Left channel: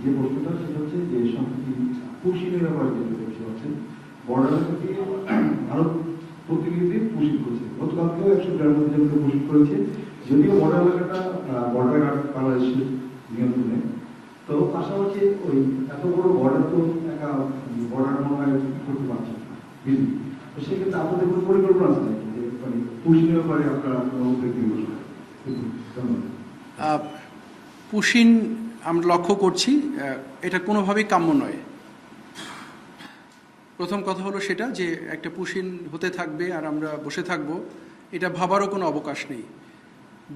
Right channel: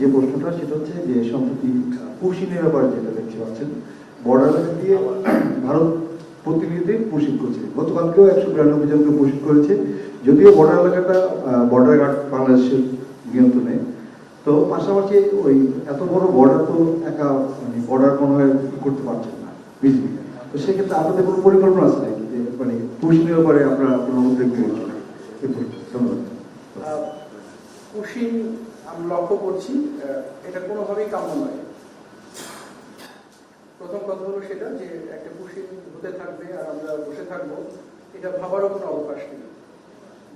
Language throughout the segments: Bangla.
যে প্রশ্নটা সেটা হচ্ছে যে সম্প্রতি পুশিনের ব্যাপারে যেটা দেখতে পাচ্ছেন বর্ডার দিয়ে ভারত প্রতিনিধি পুশিং করছে। গতকালকেও 192 জনকে পুশিং করেছে, যদিও বর্ডার এলাকাটা বর্ডার গার্ড বাংলাদেশের নিয়ন্ত্রণে। তো পাশাপাশি ওই এত বড় বর্ডার তো একা বর্ডার মনে হয় করতে পারছেন না বিজেপি। তো সেক্ষেত্রে আপনাদের কোনো পরিকল্পনা আছে নাকি যে মানে পুশিনের ব্যাপারে আপনারা কোনো উদ্যোগ নিয়েছেন? ধন্যবাদ। পুশিং আমরা লক্ষ্য করছি, এটা কোনোভাবেই কাম্য নয়। প্রথম কথা হলো সেটা যে একটা পুশিং হতে থাকবে আর আমরা বসে থাকব, এটা ভাবারও কোনো অবকাশ নেই।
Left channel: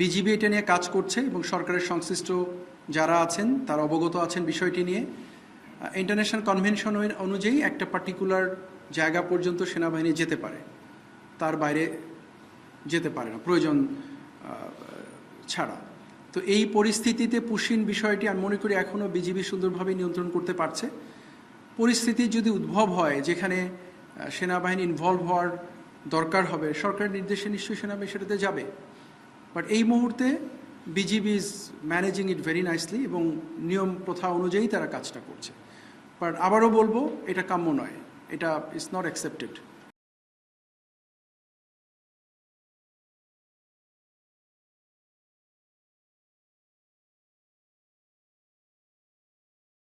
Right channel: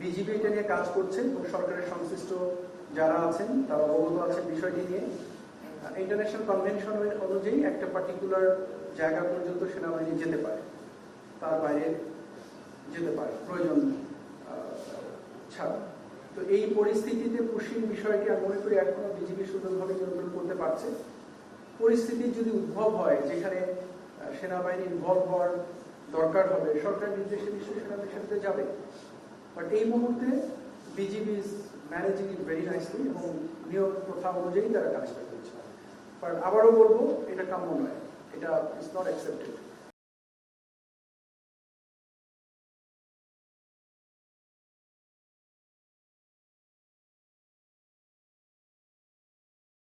বিজিবি এটা নিয়ে কাজ করছে এবং সরকারের সংশ্লিষ্ট যারা আছেন তারা অবগত আছেন বিষয়টি নিয়ে। ইন্টারন্যাশনাল কনভেনশন অনুযায়ী একটা পার্টিকুলার জায়গা পর্যন্ত সেনাবাহিনী যেতে পারে, তার বাইরে যেতে পারে না প্রয়োজন ছাড়া। তো এই পরিস্থিতিতে পুশিং বিষয়টি আমি মনে করি এখনও বিজিবি সুন্দরভাবে নিয়ন্ত্রণ করতে পারছে। পরিস্থিতি যদি উদ্ভব হয় যেখানে সেনাবাহিনী ইনভলভ হওয়ার দরকার হবে, সরকারের নির্দেশে নিশ্চয়ই সেনাবাহিনী সেটাতে যাবে। বাট এই মুহূর্তে BGB is managing it very nicely এবং নিয়ম প্রথা অনুযায়ী তারা কাজটা করছে। বাট আবারও বলবো, এটা কাম্য নয়, এটা ইজ নট অ্যাকসেপ্টেড।